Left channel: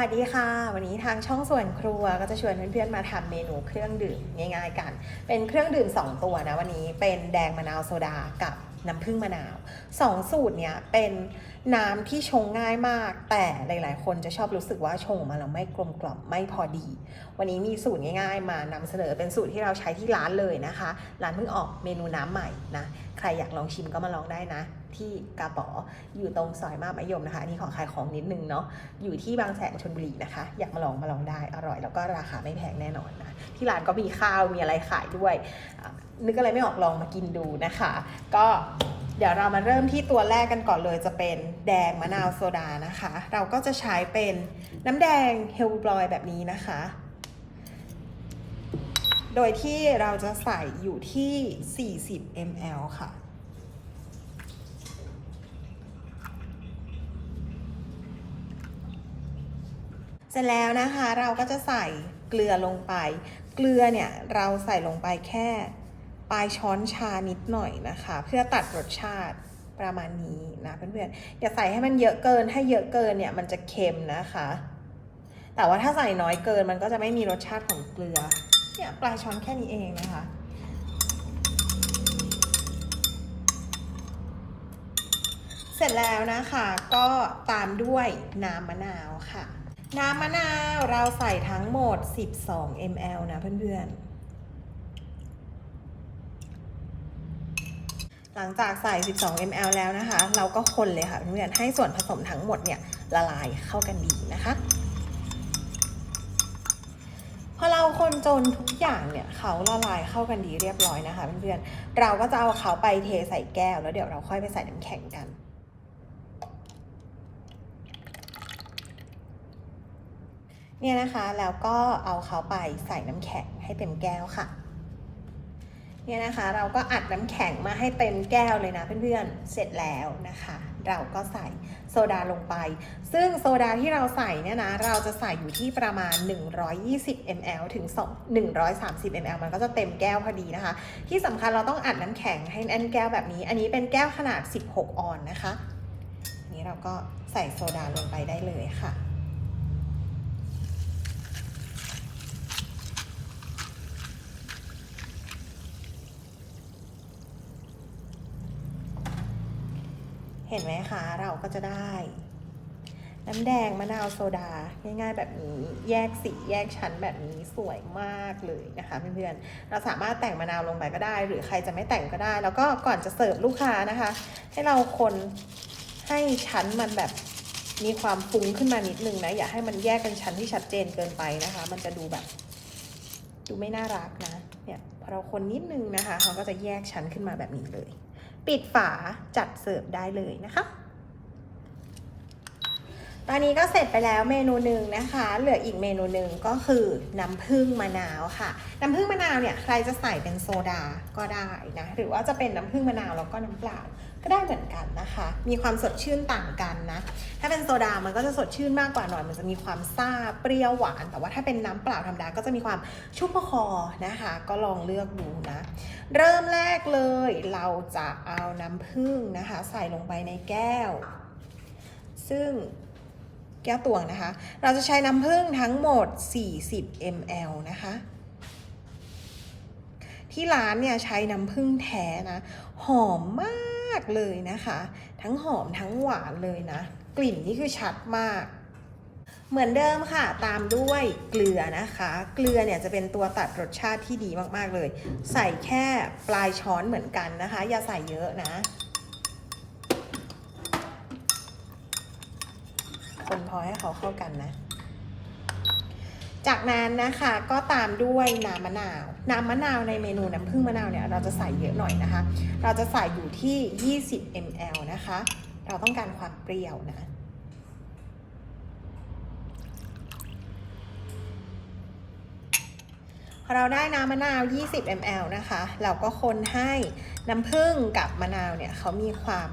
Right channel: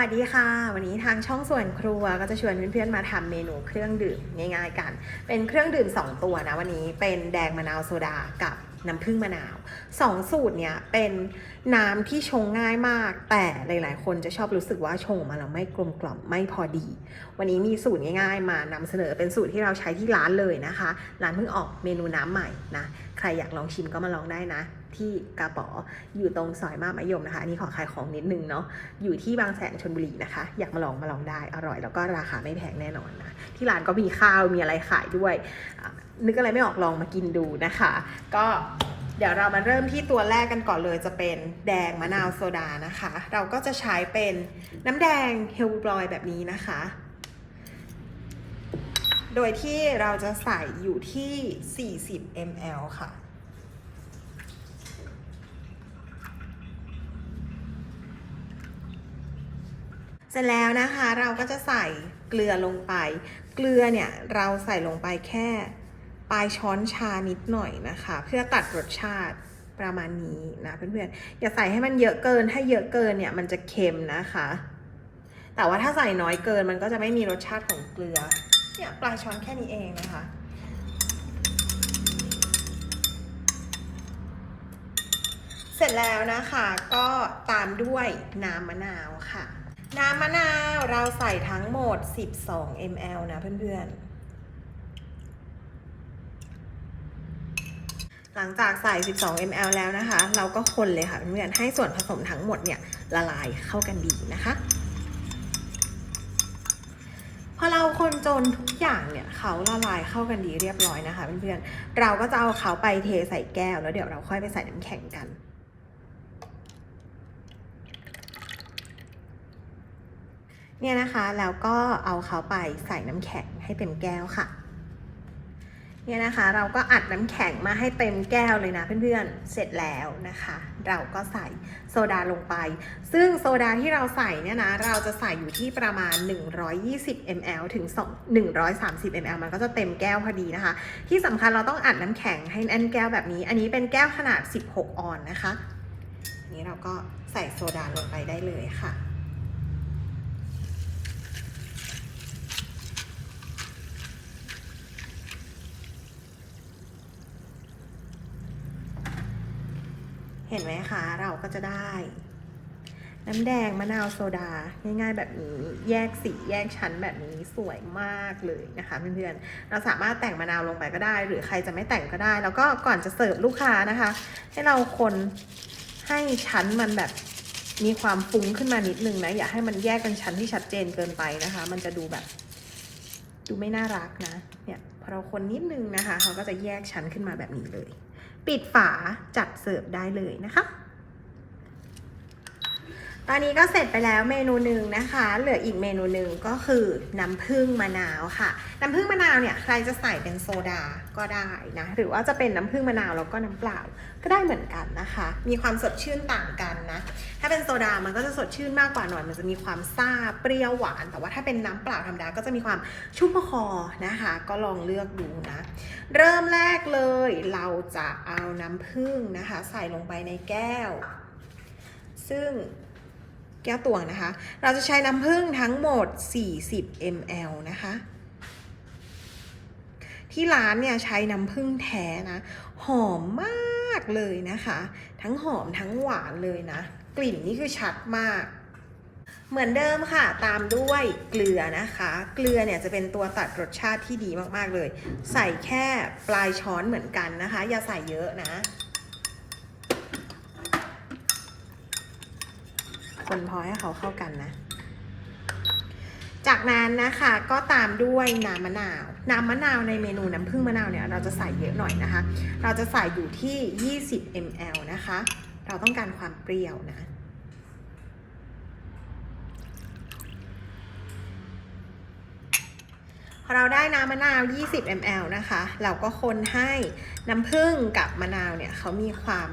วัสดีค่ะ วันนี้ทางช่องส่วนครัวก็จะชวนเพื่อนๆมาทำเมนูเครื่องดื่มง่าย ๆ กัน เป็นเครื่องดื่ม 2 ตัวนะวันนี้เป็นแดงมะนาวโซดากับน้ำผึ้งมะนาวสองสูตรเนี่ยเป็นน้ำที่ชงง่ายมาก แต่หลาย ๆ คนจะชอบรู้สึกว่าชงออกมาแล้วไม่กลมกล่อมไม่พอดี วันนี้มีสูตรง่าย ๆ มานำเสนอเป็นสูตรที่เราใช้ที่ร้านเลยนะคะร้านเพิ่งออกเมนูน้ำใหม่นะใครอยากลองชิมก็มาลองได้นะ ที่กาป๋ออยู่ตรงซอยมาบมะยมนะคะอันนี่ขอขายของนิดนึงเนาะอยู่ที่บางแสนชลบุรีนะคะ อยากมาลองมาลองได้อร่อย แล้วก็ราคาไม่แพงแน่นอนนะที่ร้านก็มีข้าวมีอะไรขายด้วย นึกอะไรไม่ออกลองมากินดูนะคะ ก็เดี๋ยวเรามาเริ่มที่ตัวแรกกันก่อนเลยจะเป็นแดงมะนาวโซดานะคะ เราก็จะใช้เป็นน้ำแดงเฮลบรอยแบบนี้นะคะ โดยที่เราจะใส่อยู่ที่ 40 ml ค่ะ เสร็จแล้วนะคะเราก็จะใส่เกลือลงไป เกลือเนี่ยเราใส่ลงไปแค่ปลายช้อนชานิดหน่อยนะคะ เพื่อตัดรสชาติประมาณนี้นะเพื่อนๆอย่าใส่ให้มันเยอะเกินถ้าเยอะเกินเนี่ยมันจะเค็มนะคะ แต่ว่าถ้าใส่น้อยเกินมันก็จะไม่มีรสชาติของเกลือเนี่ยปลายช้อนแค่นี้เองนะคะเสร็จแล้วนะคะก็ตามด้วยน้ำมะนาวค่ะ น้ำมะนาวเราใส่ทั้งหมด 12 ml นะเพื่อนๆ หลังจากใส่ 12 ml แล้วนะคะ เราก็คนเลยค่ะเพื่อนๆ ให้ส่วนผสมทั้งหมดเนี่ยละลายเข้ากันดีนะคะพอเราคนจนทุกอย่างเนี่ยเขาละลายเข้ากันดีเรียบร้อยนะคะเพื่อนๆ เราก็จะเอาเขาไปเทใส่แก้วแล้วเดี๋ยวเราค่อยไปใส่น้ำแข็งกัน เนี่ยนะคะแล้วก็เอาเขาไปใส่น้ำแข็งให้เต็มแก้วค่ะ เนี่ยนะคะเราก็อัดน้ำแข็งมาให้เต็มแก้วเลยนะเพื่อนๆ เสร็จแล้วนะคะ เราก็ใส่โซดาลงไป ซึ่งโซดาที่เราใส่เนี่ยนะเราจะใส่อยู่ที่ประมาณ 120 ml ถึง2 130 ml มันก็จะเต็มแก้วพอดีนะคะ ที่สำคัญเราต้องอัดน้ำแข็งให้แน่นแก้วแบบนี้ อันนี้เป็นแก้วขนาด 16 ออนนะคะ อันนี้เราก็ใส่โซดาลงไปได้เลยค่ะ เห็นไหมคะเราก็จะได้ น้ำแดงมะนาวโซดา ง่ายๆแบบนี้แยกสีแยกชั้นแบบนี้สวยมากเลยนะคะเพื่อนๆเราสามารถแต่งมะนาวลงไปก็ได้ หรือใครจะไม่แต่งก็ได้ แล้วก็ก่อนจะเสิร์ฟลูกค้านะคะ ให้เราคนให้ชั้นมันแบบมีความฟุ้งขึ้นมานิดนึงนะอย่าให้มันแยกกันชั้นที่ชัดเจนเกินไปนะคะ มันจะดูแบบดูไม่น่ารักนะเนี่ยพอเราคนนิดนึงนะคะเขาก็จะแยกชั้นขึ้นมาแบบนี้เลย ปิดฝาจัดเสิร์ฟได้เลยนะคะ ตอนนี้ก็เสร็จไปแล้วเมนูหนึ่งนะคะ เหลืออีกเมนูหนึ่งก็คือน้ำผึ้งมะนาวค่ะ น้ำผึ้งมะนาวเนี่ยใครจะใส่เป็นโซดาก็ได้นะ หรือว่าจะเป็นน้ำผึ้งมะนาวแล้วก็น้ำเปล่าก็ได้เหมือนกันนะคะ มีความสดชื่นต่างกันนะ ถ้าเป็นโซดา มันก็จะสดชื่นมากกว่าหน่อย มันจะมีความซ่าเปรี้ยวหวาน แต่ว่าถ้าเป็นน้ำเปล่าธรรมดาก็จะมีความชุ่มคอนะคะ ก็ลองเลือกดูนะ เริ่มแรกเลยเราจะเอาน้ำผึ้งนะคะ ใส่ลงไปในแก้ว ซึ่ง แก้วตวงนะคะ เราจะใช้น้ำผึ้งทั้งหมด 40 ml นะคะ ที่ร้านเนี่ยใช้น้ำผึ้งแท้นะ หอมมากเลยนะคะ ทั้งหอมทั้งหวานเลยนะ กลิ่นนี่คือชัดมาก เหมือนเดิมค่ะ ตามด้วยเกลือนะคะ เกลือเนี่ยจะเป็นตัวตัดรสชาติที่ดีมากๆเลย ใส่แค่ปลายช้อนเหมือนกันนะคะ อย่าใส่เยอะนะ คน พอให้เขาเข้ากันนะ จากนั้นนะคะก็ตามด้วยน้ำมะนาว น้ำมะนาวในเมนูน้ำผึ้งมะนาวเนี่ยเราจะใส่เยอะหน่อยนะคะ เราจะใส่อยู่ที่ 20 ml นะคะ เราต้องการความเปรี้ยวนะ เราได้น้ำมะนาว 20 ml นะคะ เราก็คนให้น้ำผึ้งกับมะนาวเนี่ยเขามีความ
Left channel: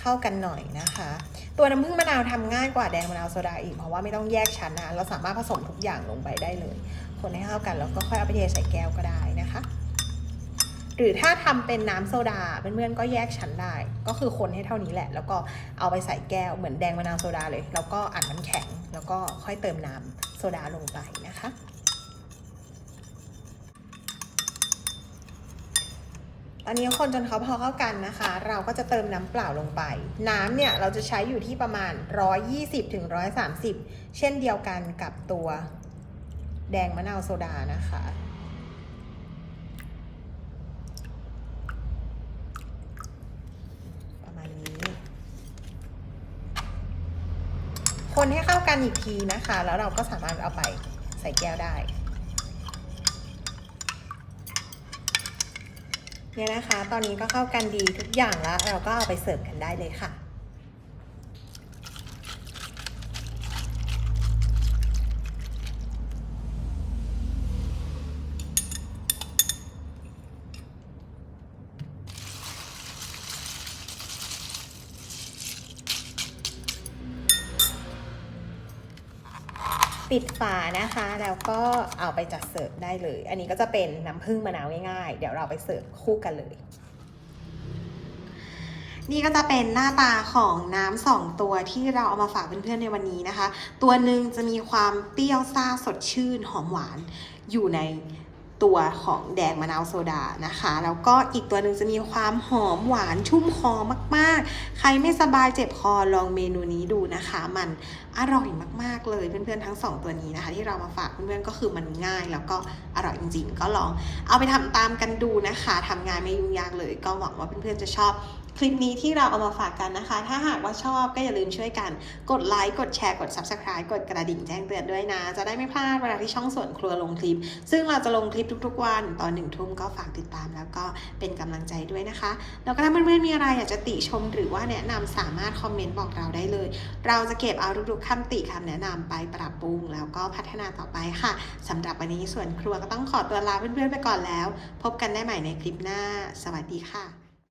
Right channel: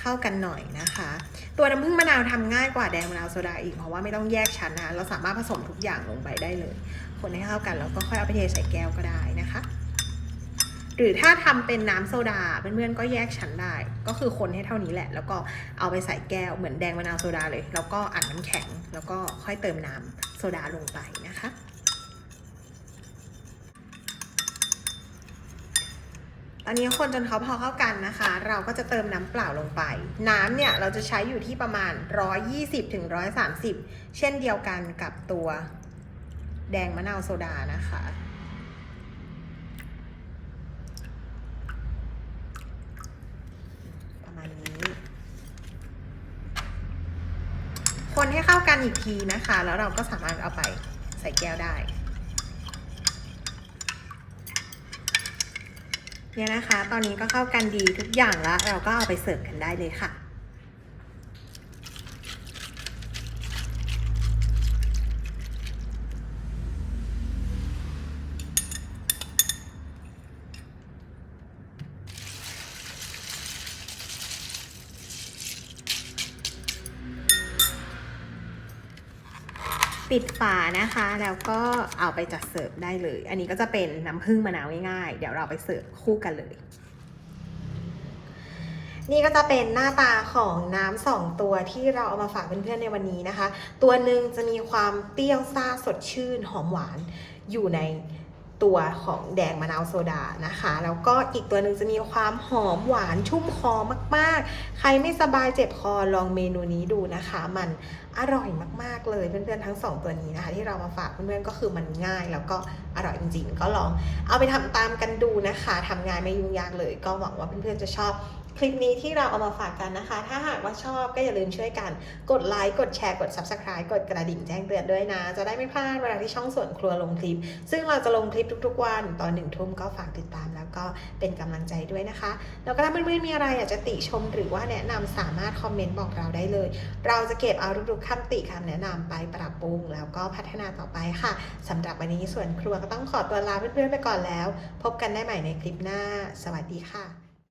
เข้ากันหน่อยนะคะ ตัวน้ำผึ้งมะนาวทำง่ายกว่าแดงมะนาวโซดาอีกเพราะว่าไม่ต้องแยกชั้นนะเราสามารถผสมทุกอย่างลงไปได้เลย คนให้เข้ากันแล้วก็ค่อยเอาไปเทใส่แก้วก็ได้นะคะ หรือถ้าทำเป็นน้ำโซดาเพื่อนๆก็แยกชั้นได้ ก็คือคนให้เท่านี้แหละ แล้วก็เอาไปใส่แก้วเหมือนแดงมะนาวโซดาเลย แล้วก็อัดน้ำแข็งแล้วก็ค่อยเติมน้ำโซดาลงไปนะคะ อันนี้คนจนเขาพอเข้ากันนะคะ เราก็จะเติมน้ำเปล่าลงไป น้ำเนี่ยเราจะใช้อยู่ที่ประมาณ 120ถึง130 เช่นเดียวกันกับตัวแดงมะนาวโซดานะคะ ประมาณนี้ คนให้เข้ากันอีกทีนะคะ แล้วเราก็สามารถเอาไปใส่แก้วได้ เนี่ยนะคะ ตอนนี้ก็เข้ากันดีทุกอย่างแล้ว เราก็เอาไปเสิร์ฟกันได้เลยค่ะ ปิดฝานะคะ แล้วก็เอาไปจัดเสิร์ฟได้เลย อันนี้ก็จะเป็นน้ำผึ้งมะนาวง่ายๆ เดี๋ยวเราไปเสิร์ฟคู่กันเลย นี่ก็จะเป็นหน้าตาของน้ำสองตัวที่เราเอามาฝากเพื่อนๆในวันนี้นะคะ ตัวหนึ่งจะมีความเปรี้ยวซ่าสดชื่นหอมหวานอยู่ในตัวของแดงมะนาวโซดานะคะ แล้วก็อีกตัวหนึ่งจะมีความหอมหวานชุ่มคอมากๆ ใครไม่สบายเจ็บคอลองเมนูนี้ดูนะคะ มันอร่อยมากๆเลยเพื่อนๆทั้งสองตัวนี้นะคะ ที่เรามาฝากเพื่อนๆก็คือมันง่าย แล้วก็อร่อยจริงๆ ก็ลองเอาไปทำตามกันดูนะคะทำงานไม่ยุ่งยากเลย ก็หวังว่าเพื่อนๆจะชอบคลิปนี้ที่เราเอามาฝากกันนะคะ ถ้าหากว่าชอบก็อย่าลืมช่วยกัน กดไลค์ กดแชร์ กด Subscribe กดกระดิ่งแจ้งเตือนด้วยนะ จะได้ไม่พลาดเวลาที่ช่องส่วนครัวลงคลิป ซึ่งเราจะลงคลิปทุกๆ วันตอนหนึ่งทุ่มก็ฝากติดตามแล้วก็เป็นกำลังใจด้วยนะคะ แล้วก็ถ้าเพื่อนๆมีอะไรอยากจะติชมหรือว่าแนะนำสามารถคอมเมนต์บอกเราได้เลย เราจะเก็บเอาทุกๆคำติคำแนะนำไปปรับปรุง แล้วก็พัฒนาต่อไปค่ะสำหรับวันนี้ส่วนครัวก็ต้องขอตัวลาเพื่อนๆไปก่อนแล้ว พบกันได้ใหม่ในคลิปหน้า สวัสดีค่ะ